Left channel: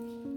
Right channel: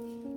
Thank you.